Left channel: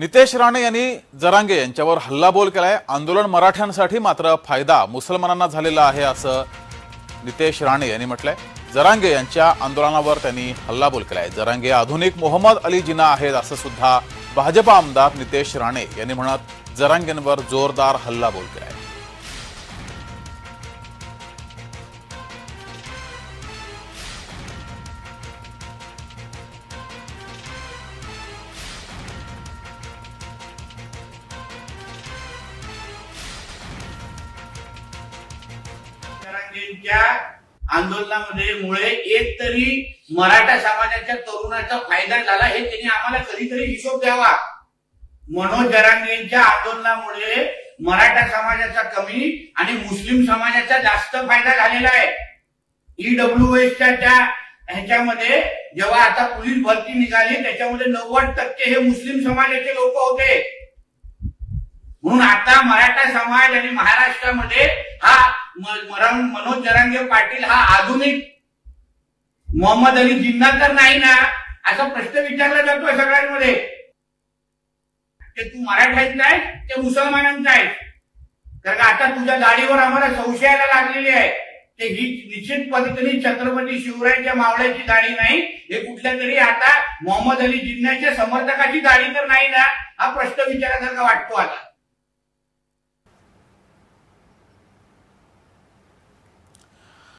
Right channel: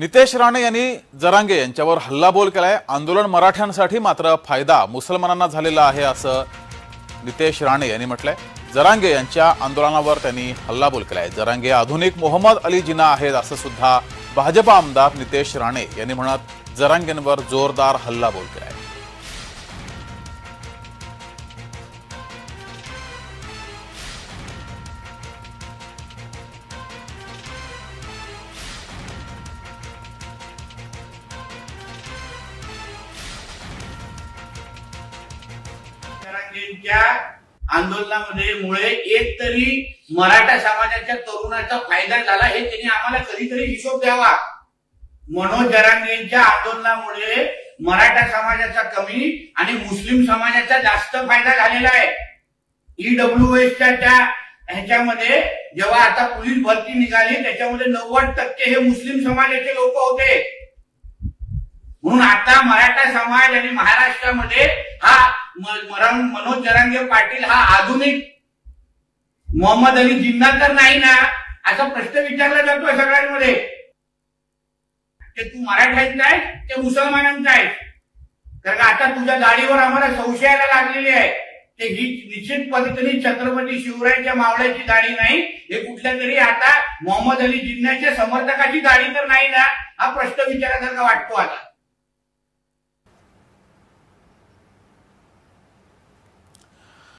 नितेश राणे यांनी जरांगे यांच्यावर हल्लाबोल केलाय। आंदोलन मराठ्यांसाठी मात्र फायदा मुसलमानांना झालेला आहे असं नितेश राणे यांनी म्हटलंय। जरांगे यांच्या आंदोलनावर त्यांनी हल्लाबोल केलाय। जरांगे आधुनिक मोहम्मद अली जिना आहेत असं सुद्धा भाजपा आमदार नितेश राणे यांनी म्हणत जरांगेंवर जोरदार हल्लाबोल केलाय। आंदोलनामुळे एक तरी मराठा समाजाच्या तरुणाचा फायदा झाला हे त्यांनी आम्हाला कधीतरी हिशोब द्यावा। मनोज जरांगेंच्या आंदोलनामुळे मराठा समाजाचा कमी आणि मुस्लिम समाजाचा जास्त फायदा झालेला आहे। ईडब्ल्यूएसच्या त्या ह्याच्यामध्ये जेव्हा आता पोलीस भरती निघाली त्याच्यामध्ये 90% हे मुस्लिम समाजाचे लोक होते। म्हणून आता मराठा समाज आणि महाराष्ट्रामध्ये हा मनोज जरांगे पाटील हा आधुनिक मोहम्मद अली जिन्ना तर नाही ना असा प्रश्न विचारला जातो सगळ्यांमध्ये। ते तू मराठ्याचा आहेस ते मुसलमानांचा आहेस, कारण आता तुझ्या दाढीवर आम्हाला संशयाला लागलेली आहे। ते ही निश्चित पद्धतीने छत्रपती शिवरायांच्या मावळ्याची दाढी नाही, हे कुठल्या तरी आता मोहम्मद अली जिन्नाच्या समर्थकाची दाढी तर नाही ना हा प्रश्न विचारायसारखा वाटतो आता।